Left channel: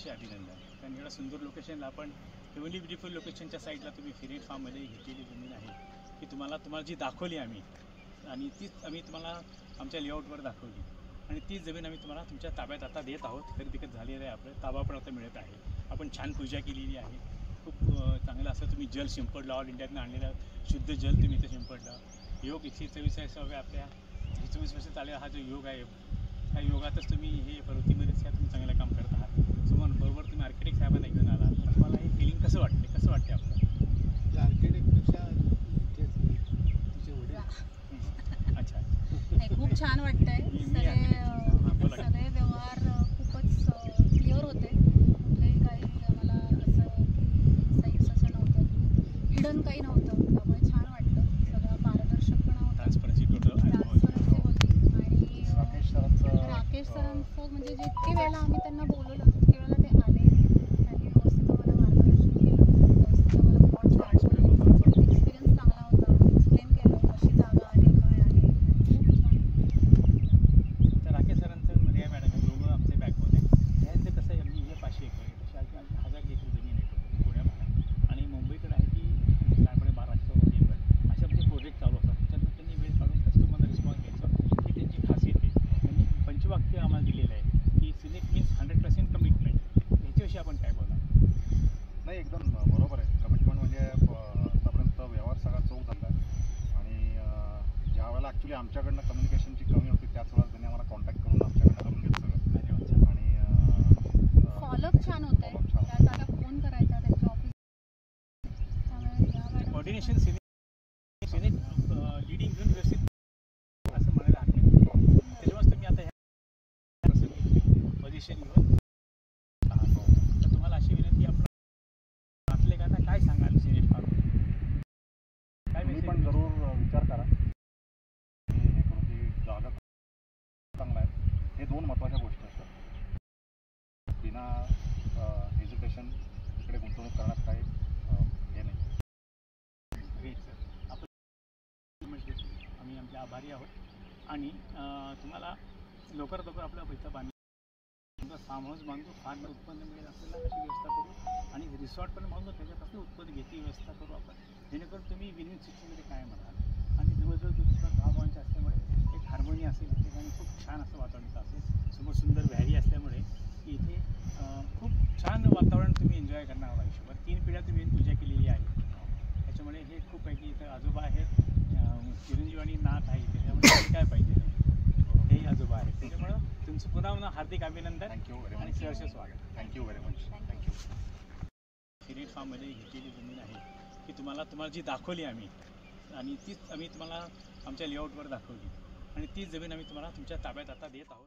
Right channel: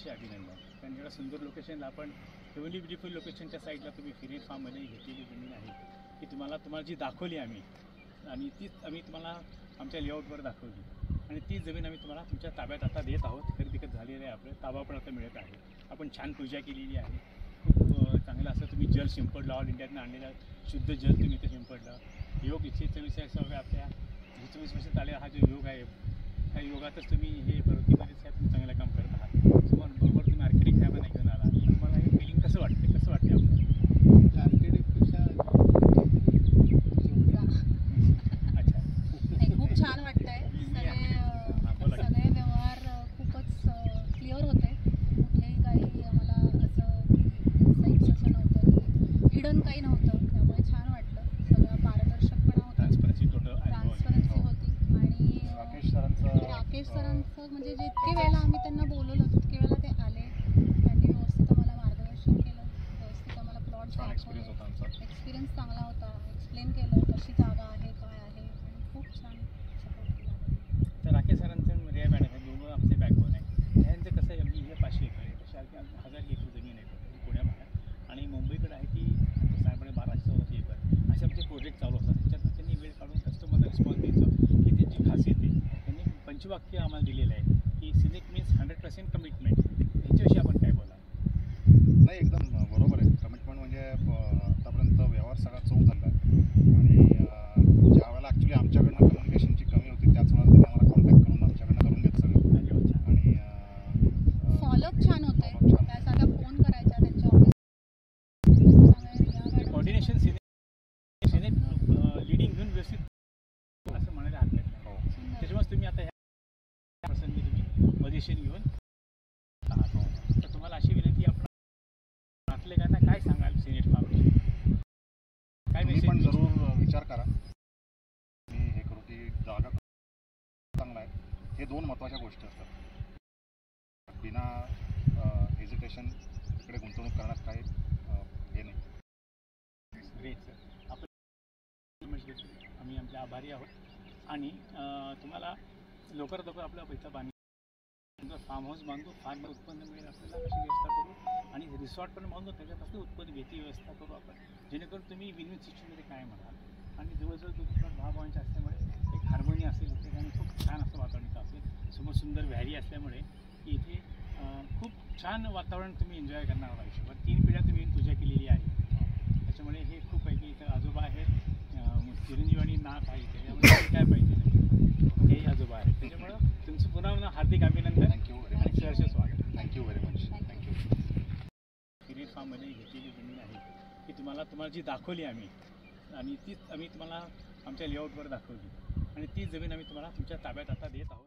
अतिशय अभिनंदन. कारण एवढ्या सुंदर लोकेशनला आपण हेवनली ब्युटिफुल लोकेशनच्या साईडला तुम्ही सिनेट फार्ममध्ये घेतलेली जमीन आहे की तुम्हाला जी दाखवली आम्ही आणि तीच आम्ही तुम्हाला आमच्या लेआउटवर दाखवली आणि तीच जमीन आम्ही तुम्हाला तुमच्या ताब्यात आता देत आहोत. खरेदी झालेलं आहे, आपलं ताबा पण आता मिळत आहे. आपण छान पूजा केलेली आहे. खूप चांगलं असं तुम्ही जल शिंपडलं, ऑल इंडियातनं आणलेलं शुद्ध जल तुम्ही इथं शिंपडलं. योग 144 आपल्या 24 वर्ष चालेल हा जो योग आहे, ह्या योगातच तुम्ही हे पर्वतीमध्येच तुम्ही चांगलं काम करत आहात. तुम्हाला बरोबर तुम्ही आर्किटेक्ट साहेबांना घेऊन आला. तुम्हाला हे फिलिंग कसं वाटते आपलं? आर्किटेक्टपेक्षा अच्छा, खूप छान वाटतंय. सगळे व्यवहार खूपच क्लिअर होते. कुठलेही काही आम्हाला असं साईट्स असं नव्हतं, हिडन काही नव्हतं. त्यामुळे छान वाटलं. सगळं पारदर्शकपणा होता, ट्रान्सपरन्सी होती. आणि राकेश सरांचं म्हणजे जितके वेळेला आम्ही त्यांना बोलवलं तितके वेळेला ते आले. त्यांनी व्यवस्थित आम्हाला मार्गदर्शन केलं, व्यवस्थित आम्हाला प्लॉट दाखवले. एक्सपिरियन्स चांगला होता. एक्सप्लेन केलं कशी जागा आहे, काय आहे. खूप छान. तर राकेश सरांचं रिया मॅडम हे दोन आमचे बॅकबोन आहे. ह्यांचं कसं आहे, आम्ही हे 500 एकर आहे, तशा आमची 1000 एकर जमीन आहे पुण्यामध्ये आणि मुंबईकडे आहे की साधारणपणे 1200 एकर. असे आमचे प्रोजेक्ट चालू असतात. त्याच्यातून त्यांनी वेळ काढून कस्टमरला रिस्पॉन्स द्यायचं ही त्यांची खासियत आहे. त्यांनी पंचवाक्य आम्हाला दिलेलं आहे की सिलेक्ट मीन्स 100% कमिटमेंट. ह्याच्याविषयी आपण काय बोला? नाही, एकदम बरोबर आहे. कमिटमेंट म्हणजे आतापर्यंत व्यवहार सगळा चौक झाला आहे आणि ज्या वेळेला ॲक्च्युली आमच्याकडनं कम्युनिकेशनची कमी होती त्याच वेळेला त्यांनी आम्हाला कॉन्टॅक्ट करून आमच्याकडनं करून घेतलं सगळं. आणि फॉलोअप छान होतं. त्या जागा फोन करायच्या त्यांच्या ऑफिस. कोऑर्डिनेशन सिनेट लिडिंग घेऊन व्यवस्थित असं म्हणायला हरकत नाही. त्याच्यामुळेच तुम्ही आता ह्या प्रसंगी तुम्ही पोझिशन घेऊन आहात. तर तुम्हाला अशी विनंती आपण नातलेगांना काय सांगाल सिनेट फार्मची? काय तुम्ही पण जरूर विचार करा. मी हे करू की जागा चांगला आहे. हे दोन महत्त्वाच्या गोष्टी असतात. बिना हेजिटेशन इकडे गुंतवणूक करण्यात काही हे नाही. ग्रेट सर, आपण आम्ही आमचे आभारी आहोत आणि तुम्हाला लवकरात लवकर आपला पैसा फार्म हाऊस बांधू, फार्म उत्पन्न मिळेल आपल्याला कशी व्यवस्था करू आणि रिसॉर्ट पण बांधू, त्याच्यापासून उत्पन्न घेती व्यवस्था करू आपण, जेणेकरून तुम्ही विन विन सिच्युएशनमध्ये कायम राहाल. आणि जवळजवळ तुमचा भावभावांच्या असल्यामुळे एक हार्मोनी असेल, इथे आणि खूप छान असं वातावरण असेल. समोर सुंदर व्हॅली असल्यामुळे की इथे खूप छान वातावरण तुम्ही एन्जॉय करणार आयुष्यभर. 3 पिढ्या तुम्ही पूजा केलेली आहे. त्याच्यामुळे हे खूप आहे की इथं आजोबा आहेत, चिरंजीव आणि नाथ आहे. त्याच्यामुळे काय पाहिजे हेही आजोबा आहेत. त्याच्यामुळं तुमचं पुन्हा हार्दिक अभिनंदन. Thank you very much. सहर्ष स्वागत. Thank you very much. Thank you. Senate फार्ममध्ये घेतलेली जमीन आहे की तुम्हाला जी दाखवली आम्ही आणि तीच आम्ही तुम्हाला आमच्या लेआउटवर दाखवली आणि तीच जमीन आम्ही तुम्हाला तुमच्या ताब्यात आता देत आहोत.